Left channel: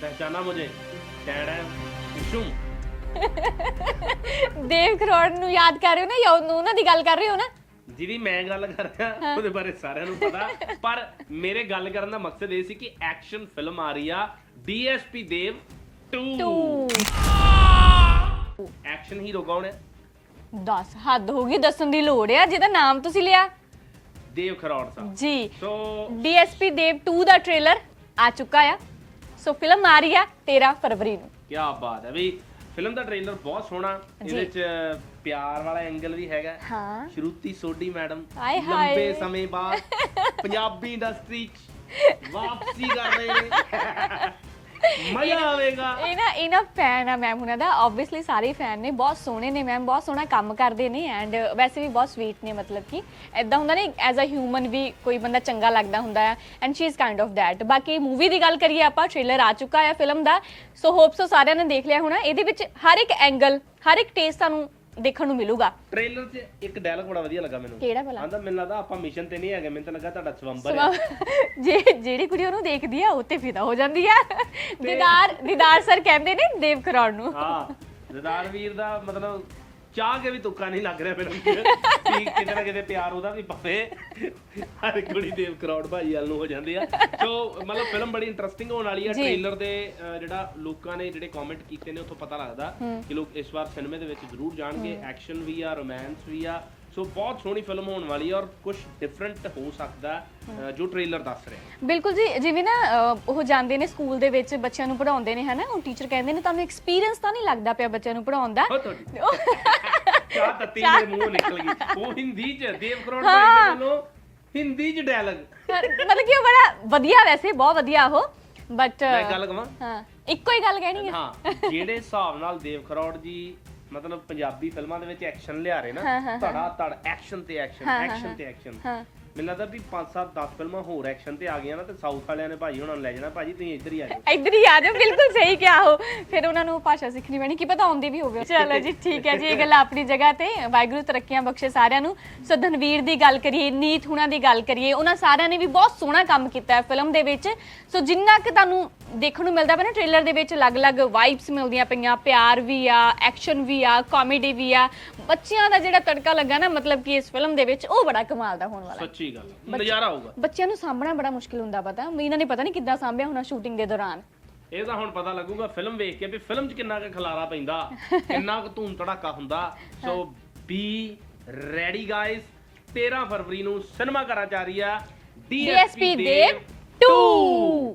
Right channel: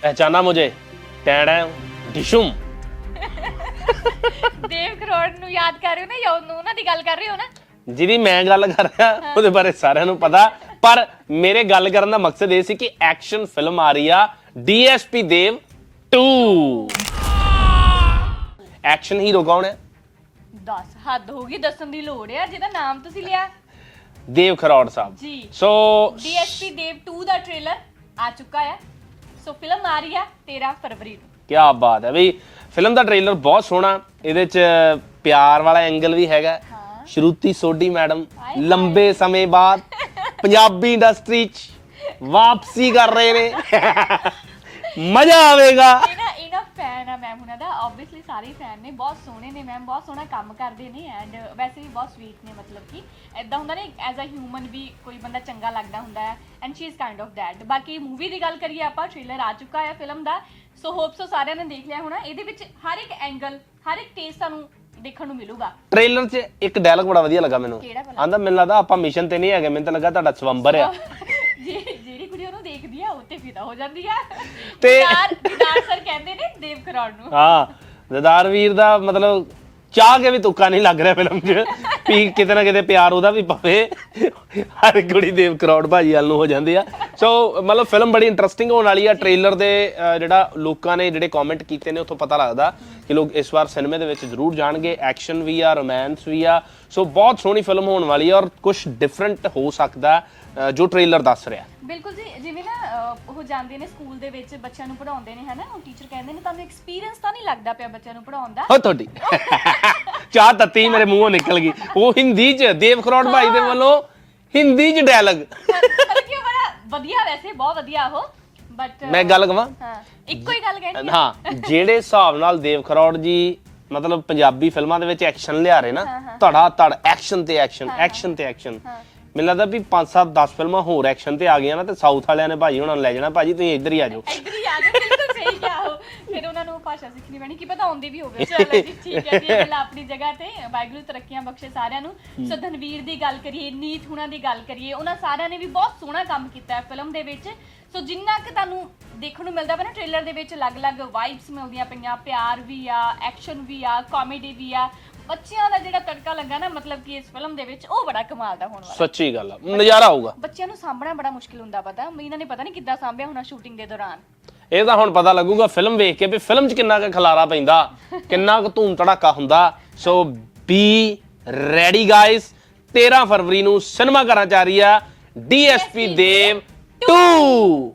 पहचाना मुझे टैडा डिशुम ਦੇਵ ਕਰੋੜ ਨੂੰ ਯਾਦ ਕਰ ਰਹੇ ਹੋ ਨਾ ਜਾਂ ਉਹਨੂੰ- ਉਹਨਾਂ ਦੀ ਗੱਲ ਕਰ ਰਹੇ ਹੋ ਨਾ ਜਿਹਦੀ ਮੈਂ ਗੱਲ ਕਰ ਰਿਹਾ ਉਹਦੇ ਬਾਰੇ ਸਾਰਿਆਂ ਨੂੰ ਪਤਾ ਪਰ ਮੇਰੇ ਗੱਲ ਕਰਨ ਦਾ ਮਕਸਦ ਇਹ ਸੀ ਕਿ ਐਕਸ਼ਨ ਫਿਲਮ ਆ ਰਹੀ ਆ ਡੀਐਸਪੀ ਦੇਵ 2 ਐਕਸ਼ਨ ਹੀਰੋ ਕੌਣ ਹੈ ਦੱਸ ਹੱਦ ਹੋ ਗਈ ਦੱਸਣ ਦੀ ਲੋੜ ਆ ਜਿਹਦਾ ਨਾਮ ਤੁਸੀਂ ਲਿਆ ਦੇਵ ਖਰੋੜ ਸਾਹਿਬ ਜੀ ਸੋ ਡੀਐਸਪੀ ਦੇਵ 2 ਦਾ ਟ੍ਰੇਲਰ ਆ ਚੁੱਕਾ ਆ ਸੋ ਫਿਲਮ ਆ ਰਹੀ ਆ 13 ਫਰਵਰੀ ਨੂੰ ਕੀ ਬਾਤ ਹੈ ਬਈ ਫਿਲਮ ਦਾ ਟ੍ਰੇਲਰ ਬਹੁਤ ਸੋਹਣਾ ਇਹਦੇ ਚ ਪਿਆਰ ਵਾਲਾ ਐਂਗਲ ਵੀ ਹੈਗਾ ਹਾਂ। ਸ਼ਰੂਤੀ ਸੋਢੀ ਮੈਡਮ ਹਾਏ। ਲੰਬੇ ਸਮੇਂ ਬਾਅਦ ਪੰਜਾਬੀ ਇੰਡਸਟਰੀ 'ਚ ਵਾਪਸੀ ਕਰ ਰਹੇ ਨੇ ਮਜ਼ਾ ਆਵੇਗਾ ਫੈਨ ਆ ਮੈਮ ਉਹਨਾਂ ਦਾ। ਆਬਵੀਅਸਲੀ ਸਾਰੇ ਫੈਨ ਨੇ ਬਹੁਤ ਸੋਹਣੇ ਨੇ ਮੈਮ ਬਹੁਤ ਸੋਹਣਾ ਕੰਮ ਕਰਦੇ ਨੇ ਐਂਡ ਵੈਸੇ ਵੀ ਬਹੁਤ ਸਵੀਟ ਨੇ ਮਤਲਬ ਕਿ। ਐਦਾਂ ਹੁੰਦਾ ਨਹੀਂ ਐਜ਼ ਅ ਹਿਊਮਨ ਵੀ ਕੋਈ ਬੰਦਾ ਚੰਗਾ ਲੱਗਦਾ ਹੁੰਦਾ ਹੈ and she is kind of that ਬਾਕੀ ਮੂਵੀ ਦੀ ਗੱਲ ਕਰੀਏ ਆਪਾਂ ਟ੍ਰੇਲਰ ਆ ਚੁੱਕਾ ਹੈ ਫਿਲਮ ਦਾ। ਸੋ ਹੋਪ ਸੋ ਸਾਰਿਆਂ ਨੇ ਦੇਖ ਲਿਆ ਹੋਣਾ। ਇਹਦੇ ਵਿੱਚ ਹਰ ਇੱਕ ਐਂਗਲ ਹਰ ਇੱਕ ਟੇਸਟ ਤੁਹਾਨੂੰ ਦੇਖਣ ਨੂੰ ਮਿਲੂਗਾ। ਟ੍ਰੇਲਰ 'ਚ ਇੱਕ ਡਾਇਲੌਗ ਬੜਾ ਵਧੀਆ ਲੱਗਾ ਮੈਨੂੰ। ਕਿਹੜਾ ਭਲਾ? ਆਂਦਾ ਮੈਨੂੰ ਲੱਗਦਾ ਆਪਾਂ ਮਿਸ਼ਨ ਤੇ ਨਹੀਂ ਹੈਗੇ ਮੈਨੂੰ ਤਾਂ ਲੱਗਾ ਤੁਹਾਡਾ ਸਵੰਬਰ ਆ। ਜੇ ਜਿਹੜੀ ਕੁੜੀ ਉਹਨੂੰ ਦੇਖਦੀ ਆ ਉਹ ਤੇ ਫਿਦਾ ਹੋ ਜਾਂਦੀ ਆ। ਤੇ- ਦੀਦਾਰ ਦੀਦਾਰ ਸਰ ਕਹਿੰਦੇ ਨੇ ਦੇਵ ਕਰੌੜ ਨੂੰ। ਹਾਂ ਦਦਾਰ ਵੀਰ ਦਾ ਮਤਲਬ ਚਾਹ ਕੇ ਵੀ ਤੁੱਕਾ ਨਹੀਂ ਲੱਗ ਰਿਹਾ ਫਿਲਮ 'ਚ। ਵੀ ਕਿਤੇ ਨਾ ਕਿਤੇ ਪਿਆਰ ਉਹਦਾ ਵੀ ਪਵੇ। ਹਰ ਕੁੜੀ ਦੇਵ ਕਰੋੜ ਭਾਜੀ ਵੱਲ ਨੂੰ ਹੋ ਜਾਂਦੀ ਆ। ਸੋ ਮਤਲਬ ਫਿਲਮ ਬੜੀ ਇੰਟਰਸਟਿੰਗ ਹੋਣ ਵਾਲੀ ਆ। ਟ੍ਰੇਲਰ ਦੇ ਜਿਹੜਾ ਲੋਕਾਂ ਨੇ ਜਿਹੜੇ ਕਮੈਂਟ ਕੀਤੇ ਨੇ ਉੱਥੋਂ ਪਤਾ ਲੱਗਦਾ ਕਿ ਲੋਕ ਇਸ ਵਾਰ ਸਿਨੇਮੇ ਦੇ ਵਿੱਚ ਜ਼ਰੂਰ ਜਾਣਗੇ। ਐਕਸ਼ਨ ਵੀ ਆ ਰੋਮਾਂਸ ਵੀ ਆ। ਸੋ ਬਹੁਤ ਸੋਹਣੀ ਫਿਲਮ ਹੋਣ ਵਾਲੀ ਆ ਔਰ ਕੁਝ ਡਿਫਰੈਂਟ ਹੋ ਸਕਦਾ ਜੋ ਟ੍ਰੇਲਰ ਦੱਸ ਰਿਹਾ। ਬਿਲਕੁਲ ਜੀ ਜਿਵੇਂ ਨਾ ਅਹ, ਉਹ ਜਾਂਦੇ ਨੇ ਸਕੂਲ ਦੇ ਵਿੱਚ ਬੱਚਿਆਂ ਨੂੰ ਪੜਾਉਂਦੇ ਨੇ ਹਨਾ? ਉਹ ਟੀਚਰ ਕਹਿੰਦੇ ਨੇ ਤੁਹਾਨੂੰ ਐਕਸਪੀਰੀਅੰਸ ਤਾਂ ਨਹੀਂ ਲੱਗਦਾ ਪਿਆ ਬੱਚਿਆਂ ਨੂੰ ਪੜਾਉਣ ਦਾ? ਹੋ ਤੁਹਾਡੀ। ਚਾਹ ਤੱਤੀ ਮੇਰੇ ਮੂੰਹੋਂ ਨਿਕਲ ਗਈ। ਉਹ ਹਿੰਦੀ 'ਚ ਦੇਵ ਕਰੋੜ ਭਾਈ ਦੇ ਵੱਲੋਂ ਹਿੰਦੀ 'ਚ ਡਾਇਲੌਗ ਮਤਲਬ ਕਿ ਉਹ ਬੜਾ ਵਧੀਆ ਵੈਸੇ ਬਹੁਤ ਵਧੀਆ ਉਹ। ਬਟ ਮੈਂ ਗੱਲ ਕਵਾਂ? ਹਾਂ ਇੱਕੋ ਹੀ ਗੱਲ ਕਹਿਣੀ। ਹਾਂ ਜਿਹੜੇ ਹਿਸਾਬ ਨਾਲ ਦੇਵ ਖਰੋੜ ਜੀ ਮਤਲਬ ਪੰਜਾਬੀ ਫਿਲਮਾਂ ਦੇ ਵਿੱਚ ਐਕਸ਼ਨ ਲਿਆ ਰਹੇ ਨਾ ਧੜਾ ਧੜ ਐਕਸ਼ਨ ਤੇ ਐਕਸ਼ਨ ਐਕਸ਼ਨ ਤੇ ਐਕਸ਼ਨ ਹਾਂ। ਮੈਨੂੰ ਲੱਗਦਾ ਵੀ 5-7 10 ਫਿਲਮਾਂ ਹੋਰ ਐਕਸ਼ਨ ਤੇ ਆ ਗਈਆਂ ਨਾ ਤੇ ਸਾਊਥ ਵਾਲਿਆਂ ਨੇ ਭਾਜੀ ਉਹਨਾਂ ਨੂੰ ਲੈ ਜਾਣਾ। ਭਾਜੀ ਤੁਸੀਂ ਇੱਧਰ ਹੀ ਆ ਜਾਓ। ਇੱਧਰ ਹੀ ਆ ਜਾਓ ਬਿਲਕੁਲ ਸਹੀ ਕਿਹਾ ਉਹ। ਫਿਰ ਉਹਨਾਂ ਨੂੰ ਭਾਸ਼ਾ ਸਿੱਖਣੀ ਪੈਣੀ। ਕੀ ਪਤਾ ਆਉਂਦੀ ਵੀ ਹੋਵੇ। ਚਲੋ ਜੀ ਠੀਕ ਹੈ ਜੀ ਇਹ ਗੱਲ ਆਪਣੀ ਜਗ੍ਹਾ ਤੇ। ਵਾਹਿਗੁਰੂ ਤਰੱਕੀਆਂ ਬਖਸ਼ੇ ਸਾਰਿਆਂ ਨੂੰ। ਸੋ ਧਨਵੀਰ ਦੀ ਗੱਲ ਕਰੀਏ ਨੀਤ ਹੁਣਾਂ ਦੀ ਗੱਲ ਕਰੀਏ ਉਹਨਾਂ ਸਾਰਿਆਂ ਨੇ ਵੀ ਬਹੁਤ ਸੋਹਣਾ ਕੰਮ ਕੀਤਾ ਹੈ ਫਿਲਮ ਦੇ ਵਿੱਚ। ਸੋ ਜਿੰਨਾ ਕਿ ਤੁਹਾਨੂੰ ਦੇਖਣ ਨੂੰ ਮਿਲਦਾ ਪਿਆ ਨਾ ਟ੍ਰੇਲਰ ਦੇ ਵਿੱਚ ਅਲੱਗ-ਅਲੱਗ ਵਾਈਬਸ ਮਿਲਦੀਆਂ ਪਈਆਂ। ਪਿਆਰ ਵੀ ਆ ਐਕਸ਼ਨ ਵੀ ਆ ਕਾਮੇਡੀ ਵੀ ਆ। ਬੱਚਿਆਂ ਦਾ ਜਿਹੜਾ ਤੜਕਾ ਲੱਗਾ ਨਾ ਮਤਲਬ ਕਿ ਇਸ ਫਿਲਮ ਦੇ ਵਿੱਚ ਉਹ ਬੜਾ ਕਮਾਲ ਦਾ ਹੋਣ ਵਾਲਾ ਸੱਚੀ ਗੱਲ ਆ ਨਜ਼ਾਰਾ ਆਊਗਾ। ਬੱਚਿਆਂ ਨੂੰ ਸਾਂਭਣਾ ਬੜਾ ਮੁਸ਼ਕਿਲ ਹੁੰਦਾ ਪਤਾ। ਇਹਨਾਂ ਨੇ ਪਤਾ ਨਹੀਂ ਕਿੱਦਾਂ ਸਾਂਭਿਆ ਹੋਣਾ ਸ਼ੂਟਿੰਗ ਦੇ ਦੌਰਾਨ। ਇਹ ਤਾਂ ਹੁਣ ਪਤਾ ਲੱਗੂਗਾ ਫਿਲਮ ਵੇਖ ਕੇ ਵੀ ਫਿਲਮ 'ਚ ਕਿੰਨਾ ਕੁ ਖਲਾਰਾ ਪੈਂਦਾ ਕਿੰਨਾ ਕੁ ਧੂਮ ਧੜਾਕਾ ਹੁੰਦਾ। ਸੋ ਬੀ ਰੈਡੀ ਗਾਇਸ 13 ਫਰਵਰੀ ਨੂੰ ਸਿਨੇਮਾ ਘਰਾਂ ਚ ਆ ਰਹੀ ਆ ਡੀਐਸਪੀ ਦੇਵ 2